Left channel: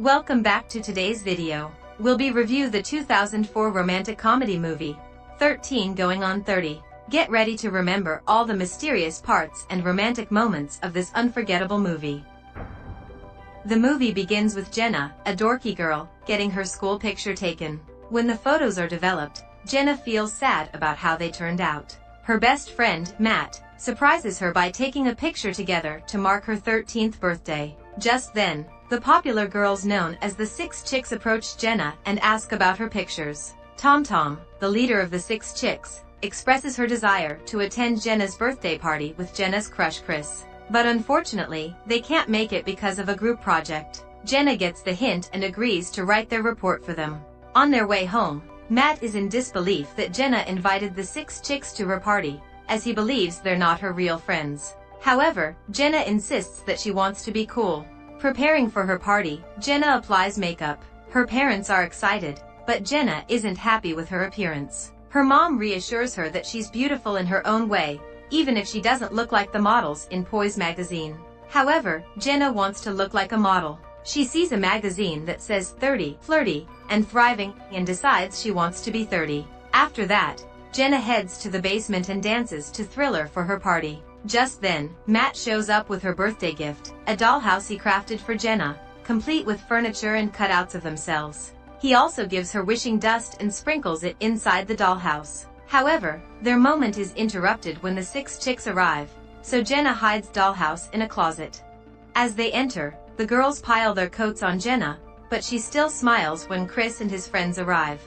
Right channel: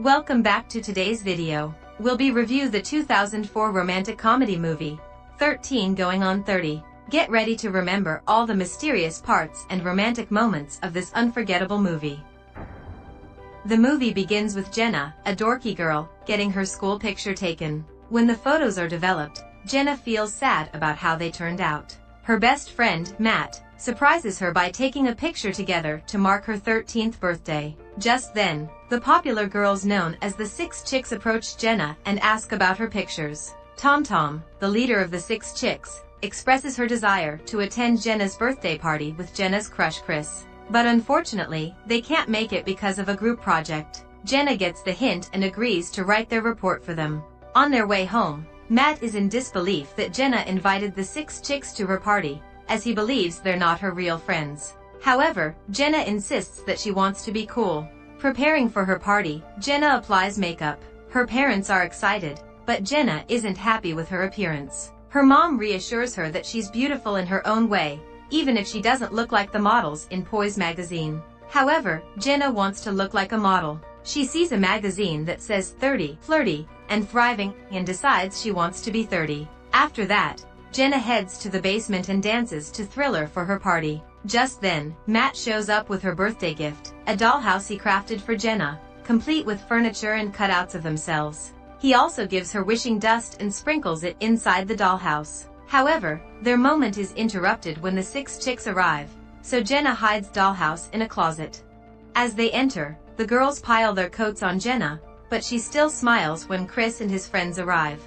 Welcome back to today's video. We'll be review the 2004 romantic comedy movie, 13 Going on 30. Get ready to remember all the mysterious parts and romantic moments of this unforgettable movie. The movie begins with Jenna, a dorky girl, getting her school picture taken. When the photos are developed, Jenna feels sad about how they turned out. Her best friend, Matt, surprises her by taking a picture together to mark her 13th birthday. Just then, the popular girls known as the Six Chicks approach Jenna and ask about her pictures. Tom, the leader of the Six Chicks, expresses her desire to attend Jenna's birthday party with Jenna's crush Chris. But unfortunately, they can't make it because of a group project. Jenna gets the hint and agrees to write their report for them. On their way home, Matt is in disbelief that Jenna invited the Six Chicks to her party, as he believes they're not her real friends. However, Jenna insists that she wants to be cool. Preparing for her party, Jenna applies makeup. Her parents are excited, but Jenna isn't happy with her appearance. Her mom reassures her that she's beautiful in her own way, even if she doesn't look like the models in Poise magazine. However, Jenna wants to look like a model. She sees a magazine that says 30, flirty, and thriving, and decides she wants to be 30. After that, Jenna heads to the basement and dances to Thriller for her party. Just then, Matt shows up with her birthday gift, a dollhouse he crafted for Jenna, complete with furniture and cutouts of themselves. He also gives her wishing dust and sprinkles it inside the dollhouse. However, their moment is interrupted when the Six Chicks arrive, so Jenna hides dollhouse in a closet. As they enter, the girls pile their coats on Jenna, but she still smiles when Chris and his friends arrive.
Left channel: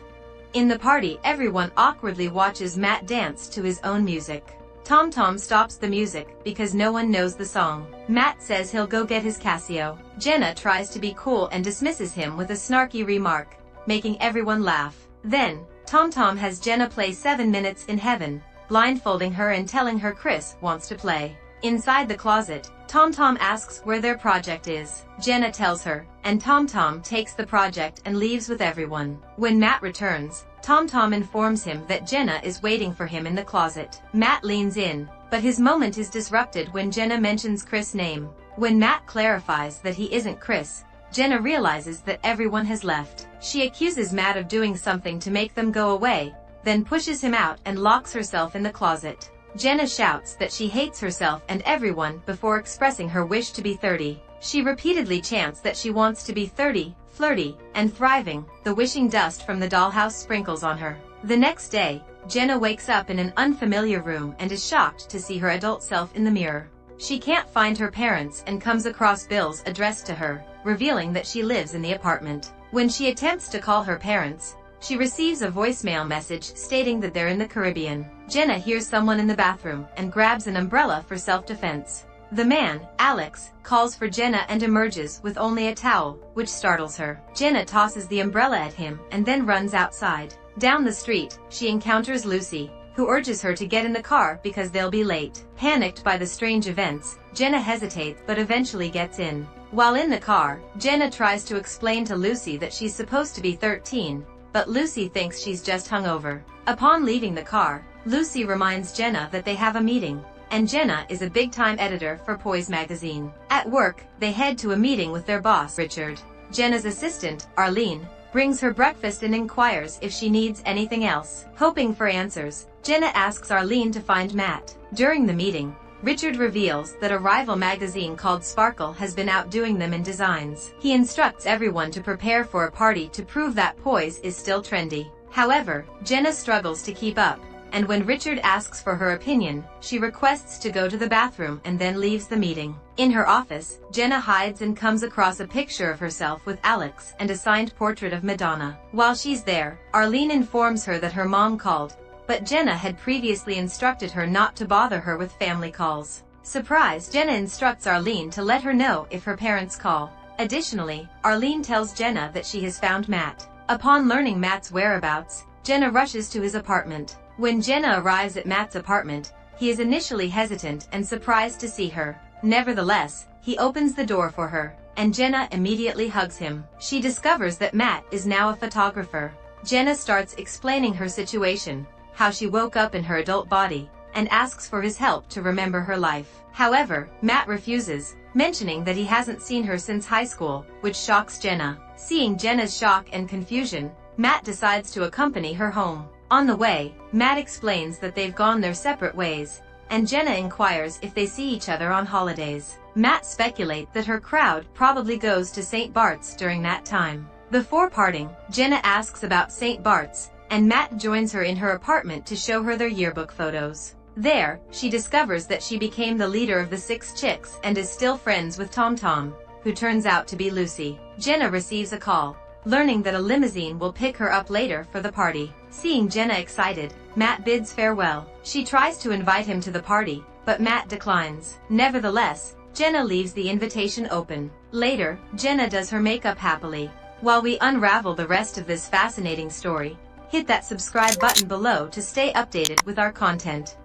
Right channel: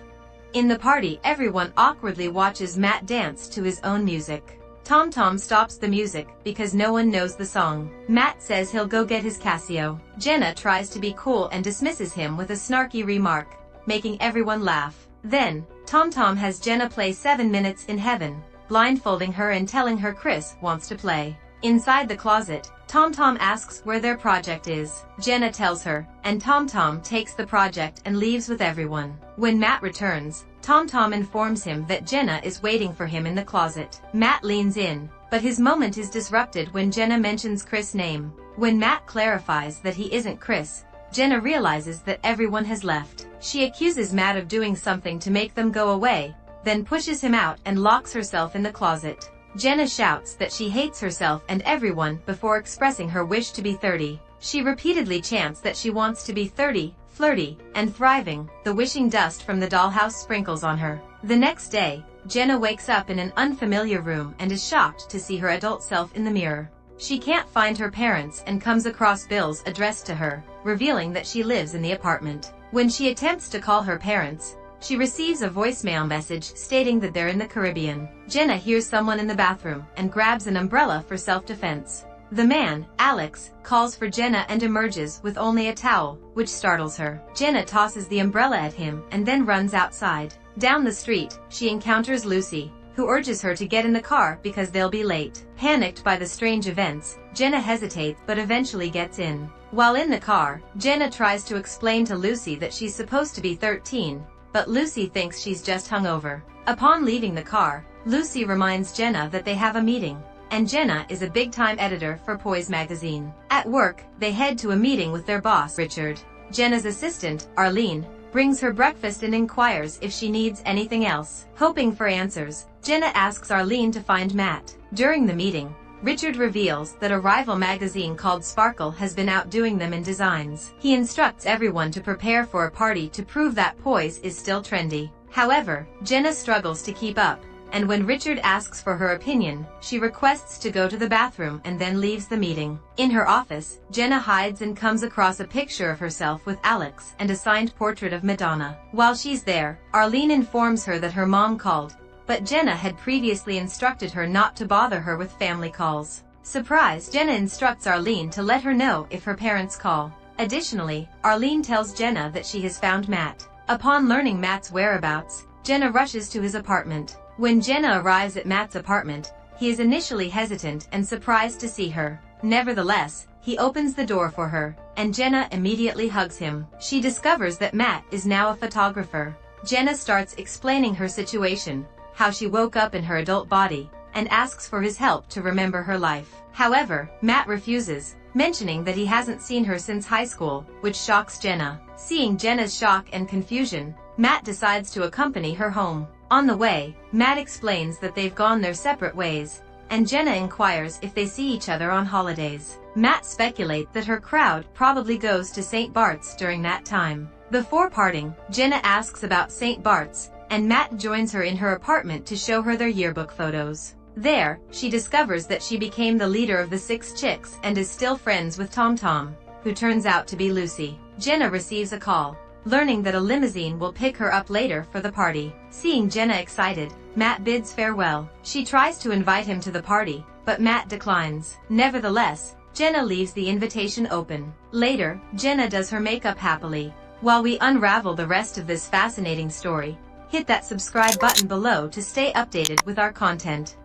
In the party, everyone awkwardly watches Matt dance to his own music. Tom stops the music because no one knows the song. Matt says he'll go get his Casio. Jenna tries to be cool and dismisses him with a snarky remark, making everyone laugh. Then, Tom has Jenna play 7 Minutes in Heaven, blindfolding her and telling her Chris wants to play. Inside the closet, Tom asks where their project is. Jenna tells her, and Tom takes the project and leaves with everyone. When Matt returns, Tom informs him that Jenna is waiting for him in the closet. Matt leans in, but his moment is disrupted when Jenna mentions Chris' name. When Matt clarifies that he isn't Chris, Jenna realizes that everyone has left. She accuses Matt of doing something to make them go away, then pushes him out and locks herself in the closet. Jenna shouts that she hates herself and everyone before expressing her wish to be 30. She repeatedly chants that she wants to be 30, flirty, and thriving. The wishing dust from the dollhouse sprinkles on her. The next day, Jenna wakes up in an unfamiliar room and is shocked to see her adult self in the mirror. She can't find her parents and comes across bills addressed to her, revealing that she lives in the apartment. When she attempts to call her parents, she receives a voicemail message stating that they're in the Caribbean. Jenna hears someone in the bathroom and grabs an umbrella for self-defense. The man, Alex, calls for Jenna and emerges with only a towel, which startles her. Jenna tosses the umbrella at him and then runs outside. Down the street, she encounters Lucy, who urges her to get in the car because they'll be late. Panicked by the strange events, Jenna hesitates but eventually gets in. While in the car, Jenna tries to explain to Lucy that she's supposed to be 13, but Lucy thinks she's just hungover. Upon leaving the car, Lucy reminds Jenna that they have a meeting, and Jenna is a big-time editor for Poise magazine. At work, they head to a meeting with their boss, Richard. Jenna's assistant, Arlene, brings her breakfast and inquires if she needs anything else. Hoping for answers, Jenna asks Arlene to find Matt. During the meeting, Richard reveals that a rival magazine called Sparkle has been outdoing them in designs. He instructs everyone to prepare for a party to prove that Poise is still trendy. However, Jenna struggles to keep up, and when Richard asks for her opinion, she requests to go to the bathroom and then leaves the meeting. In her office, Jenna hides and comes across a picture of herself with Alex and a signed portrait of Madonna. While she's there, Arlene informs her that her mom called, but Jenna had previously instructed her not to bother her with family calls. Surprised, Jenna instructs Arlene to let her know if her parents call. Additionally, Arlene tells Jenna that she has found Matt. Upon learning Matt's whereabouts, Jenna rushes to his apartment. When Jenna arrives at Matt's apartment, he is initially hesitant and surprised to see her. Nevertheless, he opens the door for her, and Jenna immediately hugs him. She discovers that Matt is now a photographer. Jenna starts explaining her situation, how she woke up in her adult body, and asks for his help to remember her life. However, Matt refuses, mentioning that he hasn't seen her since high school, which shocks Jenna. Seeing Jenna's shock and confusion, Matt decides to accompany her home. On the way, Matt explains that they've gone their separate ways, and Jenna inquires if they see each other on holidays. Matt speculates that her crowd probably goes to St. Bart's during that time. Before parting, Jenna asks about St. Bart's, and Matt joins her in her apartment to show her their yearbook photos. There, she discovers that she became the leader of the 6 chicks and is still friends with Tom Tom, who turns out to be Lucy. Jenna receives a call, learning that a limousine will pick her up later for the party. Seeing Jenna excited, Matt bids farewell. She tries to invite him to the party, but Matt declines. Nevertheless, Jenna leaves the invitation open. Later, Jenna does her makeup happily. While we unravel the rest of this fascinating story, hit that subscribe button below to stay updated with our content.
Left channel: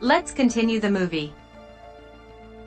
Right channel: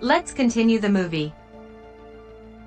Let's continue the movie.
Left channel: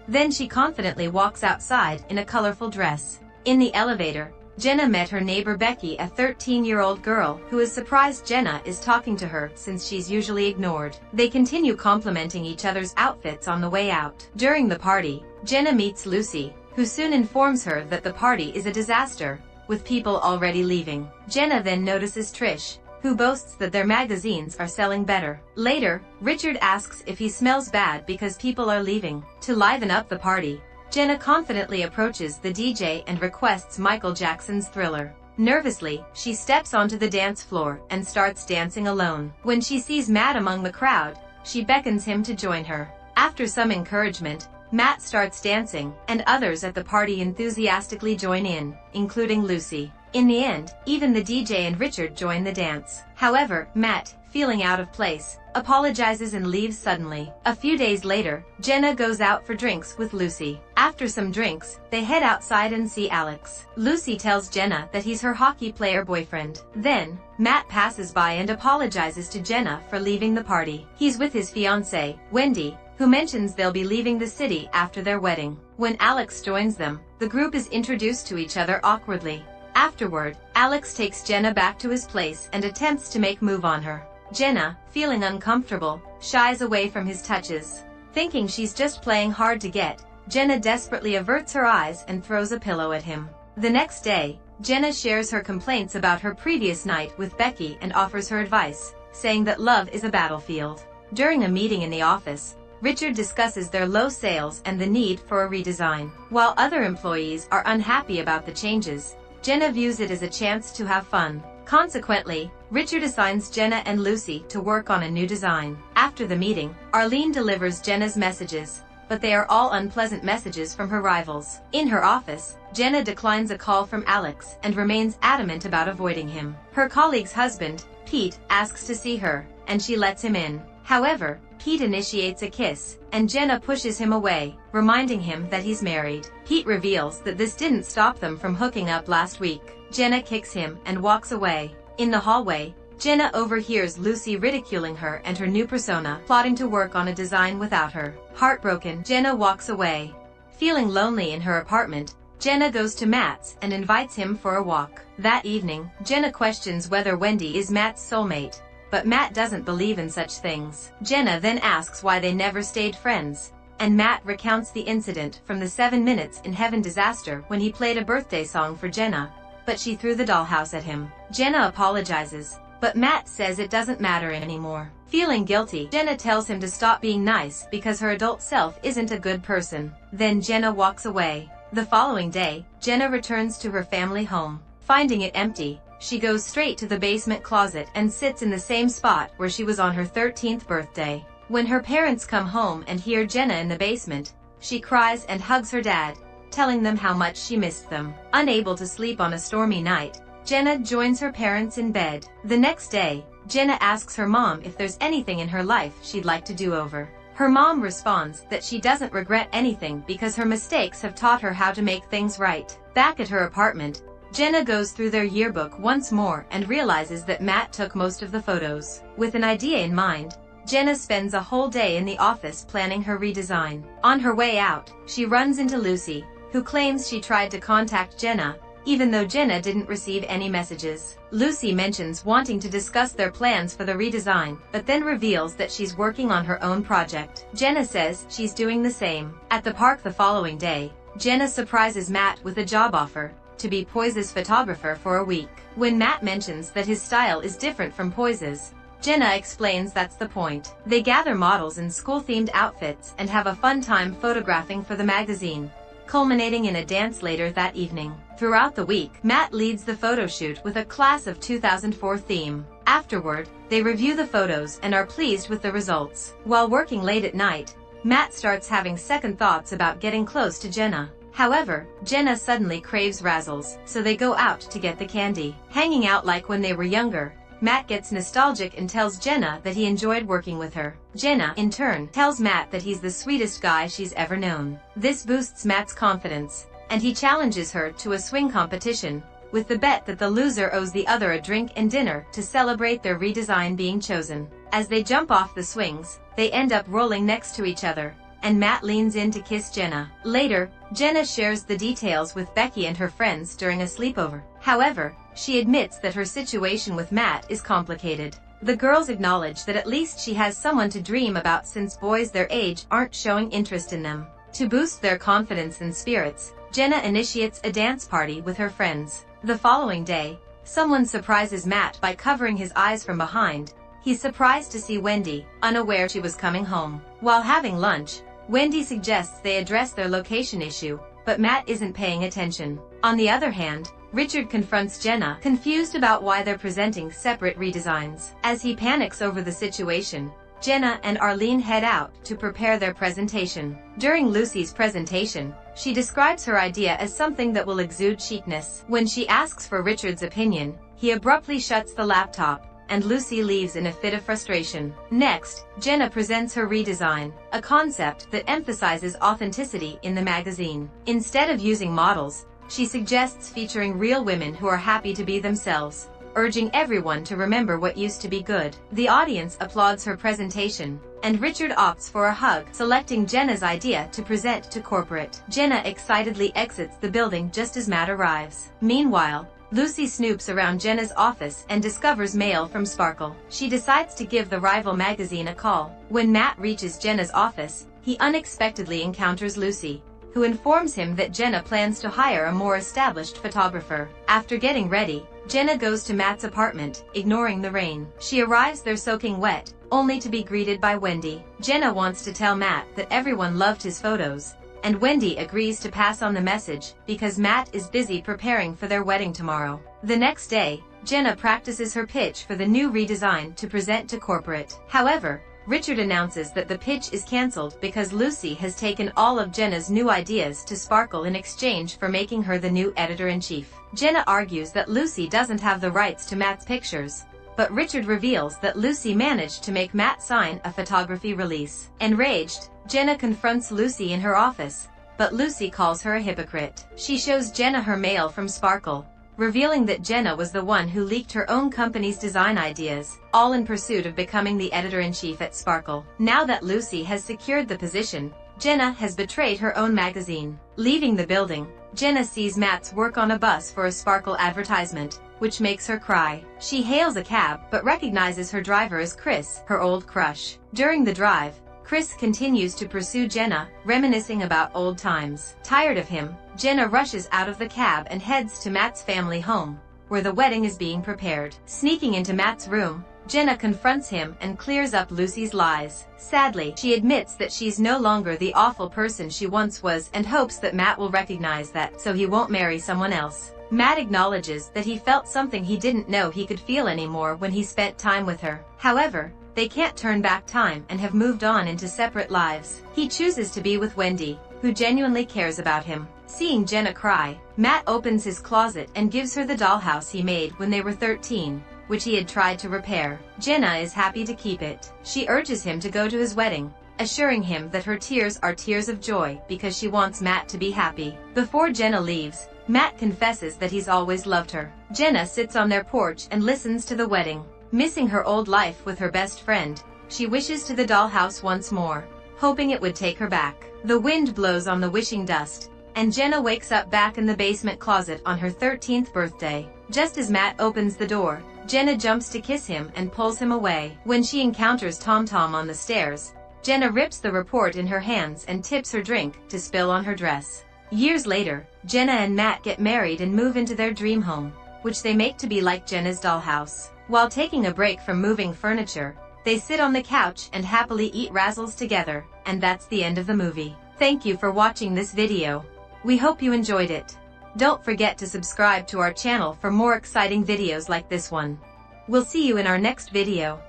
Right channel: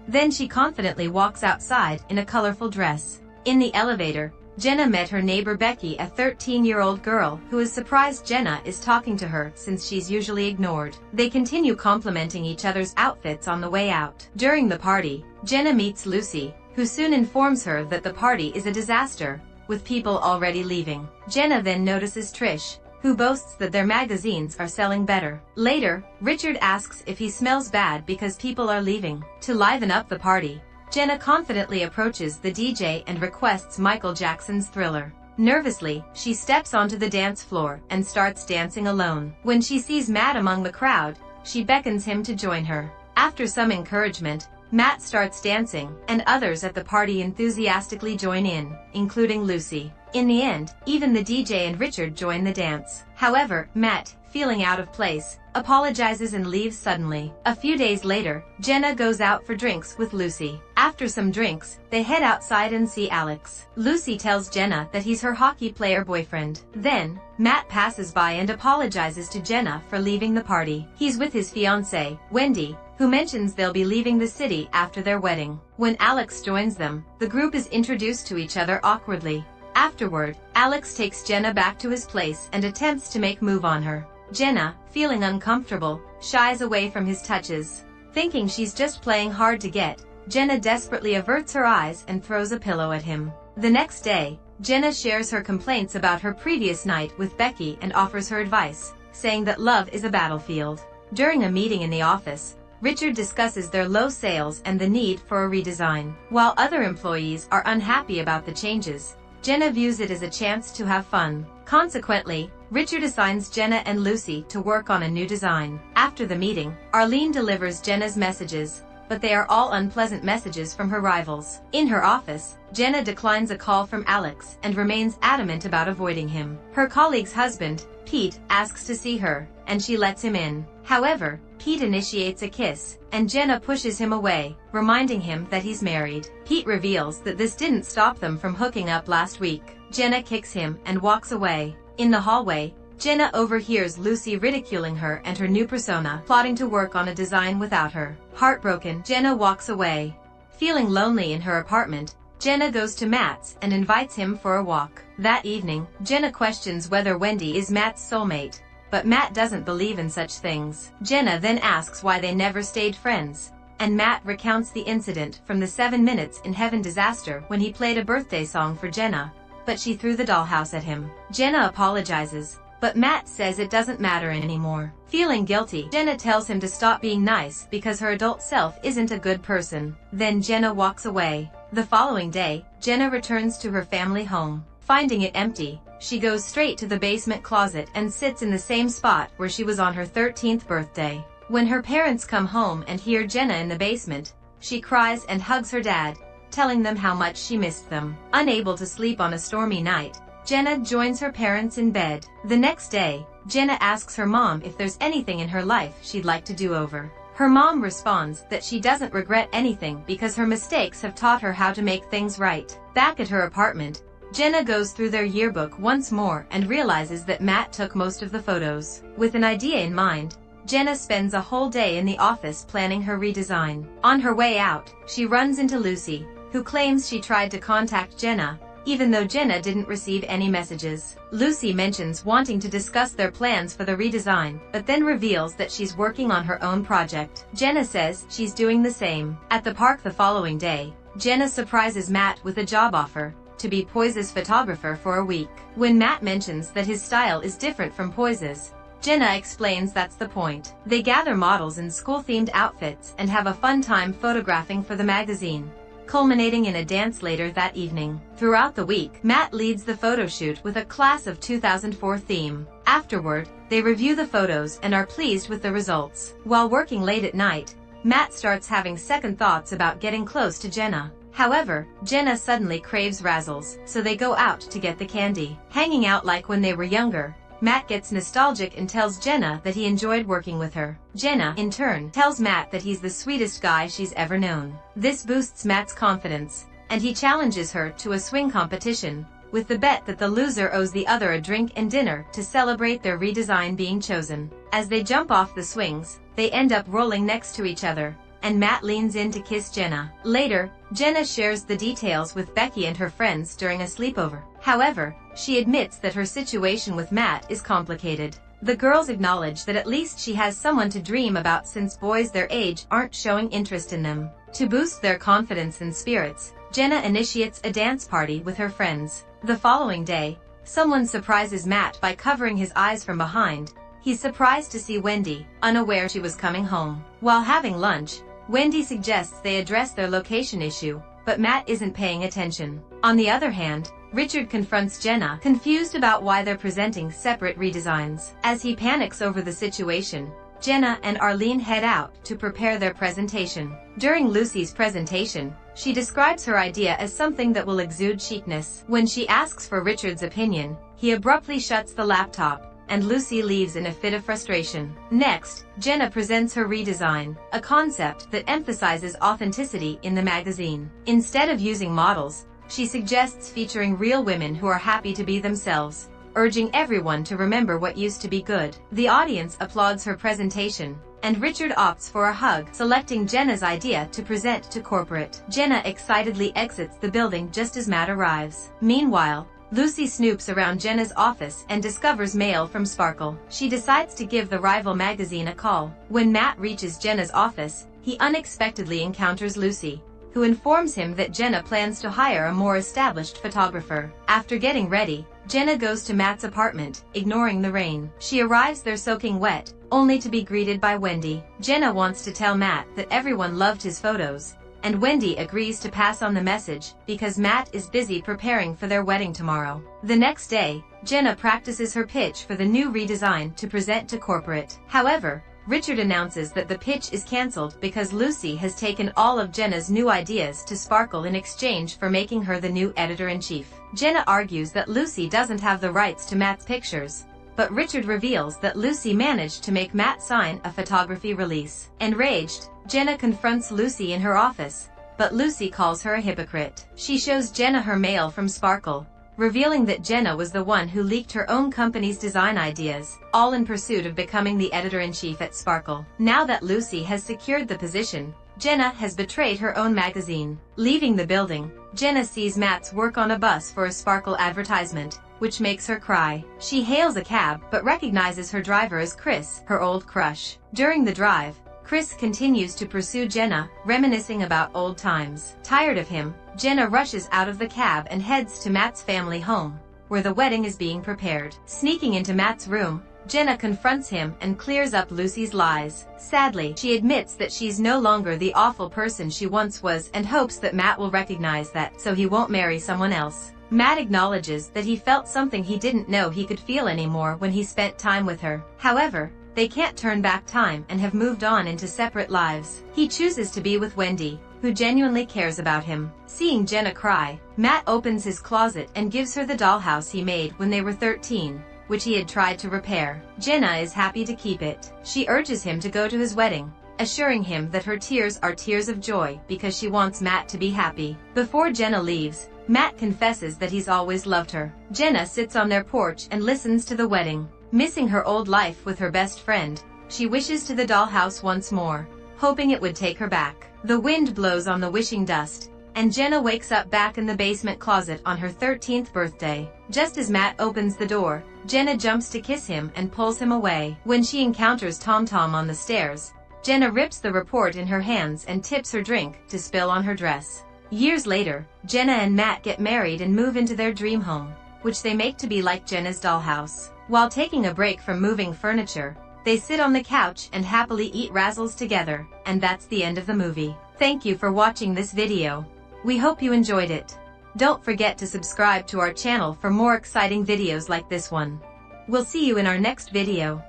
Then she confidently walks outside in a colorful dress. In the elevator, Jenna met her neighbor Becky, a 13-year-old girl who is surprised Jenna is talking to her since she's usually ignored. They continue complimenting each other's outfits on the way out. During the party, Jenna meets Lucy, who soon informs her that the party is a disaster, with people already leaving. Jenna then notices Trish, who boasts that their magazines are selling better. Later, Richard asks if he smells bad because people are leaving. To liven up the party, Jenna confidently approaches the DJ and requests Michael Jackson's Thriller. Nervously, she steps onto the dance floor and starts dancing alone. When she sees Matt among the crowd, she beckons him to join her. After some encouragement, Matt starts dancing, and others at the party enthusiastically join in, including Lucy. In the end, even the DJ and Richard join the dance. However, Matt, feeling out of place, apologizes and leaves suddenly. A few days later, Jenna goes out for drinks with Lucy. After some drinks, they head outside and see Alex. Lucy tells Jenna that he's her hockey player boyfriend. Then, Matt passes by and apologizes to Jenna for leaving the party. He's with his fiancée, Wendy, who mentions they'll be leaving the city after their wedding. When Alex joins them, the group is introduced to each other awkwardly. Afterward, Alex takes Jenna back to his place and attempts to make move on her. Jenna, feeling uncomfortable, shies away from his touches. Thinking she's just playing hard to get, Jenna desperately averts her eyes and throws a pillow at him. The next day, Jenna shares her complaints about her previous night with Becky and offers her advice, saying that love is a battlefield. During a meeting in the office, Richard discusses their low sales and the need for a redesign. While other employees are unhappy about the changes, Jenna views it as a chance to have fun. Consequently, Richard assigns Jenna and Lucy to work on a new design. After the meeting, Arlene delivers Jenna's messages, but they are all unpleasant messages from her rivals. In her office, Jenna declines a call from Alex and remains adamant about avoiding him. Her colleague's husband, Pete, asks to see her, and she lets him in. However, Pete initiates a kiss, and Jenna pushes him away, reminding him that he's married. Pete reveals that this didn't stop them from hooking up last week. Jenna kicks him and walks away. In the hallway, Jenna overhears Lucy ridiculing her and her new persona, plotting to work on a design without her. Heartbroken, Jenna walks away. Feeling lonely in her apartment, Jenna goes to Matt's and invites him for a walk. That evening, Jenna questions whether Wendy is Matt's soulmate, but Matt doesn't believe in such things. Jenna then asks why they never stayed friends, and Matt recounts the incident from the 7 Minutes in Heaven disaster when he played a birthday song for Jenna, but she threw the dollhouse at him. Jenna apologizes, but Matt says it doesn't matter anymore. Feeling guilty, Jenna tells him to stop being nice because her adult self isn't a good person. Then Jenna walks away. The following day, Jenna returns to her family home. Finding it empty, she goes straight to the basement closet and sits in the same spot where she was on her 13th birthday. When her parents come home and hear Jenna in the basement, she cries and hugs her dad, telling them how much she missed them. Unable to sleep on a stormy night, Jenna joins her parents in bed. The next day, Jenna asks her mom if there's anything in her life she'd like to do over. Her mom responds that she doesn't regret anything because her mistakes have taught her how to make things right. Back at her apartment, Jenna goes through their yearbook once more and realizes that Matt took most of the photos. With an idea in mind, Jenna spends a whole day in the office planning her redesign. On her way out, she runs into Lucy, who claims she tried to contact Jenna, even though Jenna didn't receive any messages. Lucy mentions wanting to discuss their plans for the redesign, but then reveals that she's working on her own project. Jenna says she's doing the same. At the park the following day, Jenna surprises Matt with a job offer to be Poise's photographer for a week. When Matt mentions that his style is different from Poise's, Jenna explains that's the point. They gather models in school-themed outfits and have a fun time photographing for the magazine, culminating in a dance later that evening. Throughout the week, Matt leads the photo shoot with a Class of 2004 theme. Afterward, they review the photos and are pleased with the results. While working late at night, Matt starts having second thoughts about getting close to Jenna. However, Jenna suddenly craves razzles, so they go out to get the candy. Hanging out like when they were younger, Matt gets nostalgic and tells Jenna that he enjoyed working with her. Jenna, in turn, tells Matt that he's the sweetest guy she's ever known. This boosts Matt's confidence, and he challenges her to a swing competition, with the bet that the loser owes the other a drink and dinner to celebrate their redesign being chosen. As they jump off the swings, they end up rolling next to each other, and Matt leans in to kiss Jenna. Later, Jenna shares the details with Becky and her friends during a sleepover. However, she admits that her situation with Matt is complicated. The girls acknowledge that at least she has someone to dream about since boys their age aren't showing interest in them. To boost their confidence and spirits, Jenna initiates a dance party with her friends. The following day, someone surprises Matt by covering his eyes from behind. He's surprised to see Wendy, unaware she was coming home. While having lunch, Wendy suggests they address their location issue, but Matt isn't paying attention. On the other hand, Richard confronts Jenna, confused about why they're presenting separate redesigns. As he panics over the situation, Jenna and Arlene head out to prepare their presentation. During Lucy's presentation, she describes her idea as something that will exude chicness. When she asks for Richard's opinion, he abruptly shuts the laptop, and Lucy leaves in a fit of frustration. Next, Jenna presents her redesign, a concept that emphasizes authenticity in the magazine. Instead of using models, she suggests featuring real women who are happy to be themselves, urging everyone to remember what used to be good. The audience applauds her presentation, and Richard opts for a hug, selecting Jenna's idea to present to corporate. Jenna excitedly exits the building just as Matt arrives. Meanwhile, Lucy snoops around Jenna's office and discovers mail from Sparkle. She decides to give the rival magazine a call. When Matt reaches Jenna's office, he unexpectedly encounters Lucy, who informs him that Jenna plans to hire a more established photographer. After getting ready, Jenna goes to Matt's apartment, ignoring the rain. She arrives there soaking wet, only to be greeted by Wendy. Jenna wants to tell Matt that everyone loved his photos, and Wendy agrees to pass on the message because Matt is busy preparing for their wedding tomorrow. The next day, Jenna practices her pitch for the new redesign to present to corporate. However, Richard announces that the pitch is cancelled because Lucy has taken all of Jenna's new ideas to Sparkle in exchange for making her the new editor-in-chief. Jenna argues that Lucy doesn't have the rights to Matt's pictures, but Richard reveals that Lucy managed to make Matt sign a photography release. Enraged, Jenna confronts Lucy in her office, but Lucy calls her a hypocrite. She shows Jenna her mail from Sparkle, revealing that Jenna was the one who leaked her own company's design ideas, all in pursuit of becoming the editor-in-chief at Sparkle. Now that Lucy has secured the position, Jenna has betrayed her own magazine. Leaving the building, Jenna sees Matt's work on a bus for a Sparkle advertisement, which makes her cry. She hails a cab but recognizes her driver as Chris, her old crush. During the drive, Chris continues to pursue Jenna, reminiscing about old times. Tired of him, Jenna rushes out of the cab and heads to Matt's family home, where the wedding is being prepared. Sneaking into Matt's room, Jenna confronts him and clears up Lucy's lies. Sadly, she admits that she's no longer the awful person she once was and hopes that Matt will recognize that, so he won't marry someone else. Matt acknowledges that he felt something he didn't know he could feel anymore when he spent time with her. However, they can't turn back time and have moved on into separate lives. He chooses to be with Wendy, who genuinely cares about him. Seeing Jenna cry, Matt opens his closet and gives her the dollhouse he made when they were 13, which he had tried to repair. Jenna is happy to keep it. She urges him to go to his wedding, assuring him that her tears are tears of joy because she wants Matt to be happy. Before Jenna leaves, Matt confesses that he's always loved her. Jenna sits on their porch and listens to the wedding. Missing her old life with her best friend, she wishes to the dollhouse once more, hoping it would take her back. The wind blows on the wishing dust, and Jenna wakes up back in the basement closet on her 13th birthday. Just as Matt opens the door, Jenna jumps to kiss him and pulls him away. When she encounters Tom Tom on the stairs, Jenna rips the report in her hands and tips her drink to spill on her dress. Years later, Jenna and Matt get married and move into their dream home, which they make to be like Jenna's dollhouse. While taking a break from moving furniture, they sit on the couch and happily eat razzles together, and that's the end of the movie. Thank you for watching this video. We hope you enjoyed it. Don't forget to subscribe to our channel for more exciting videos like this one. We'll see you in our next video.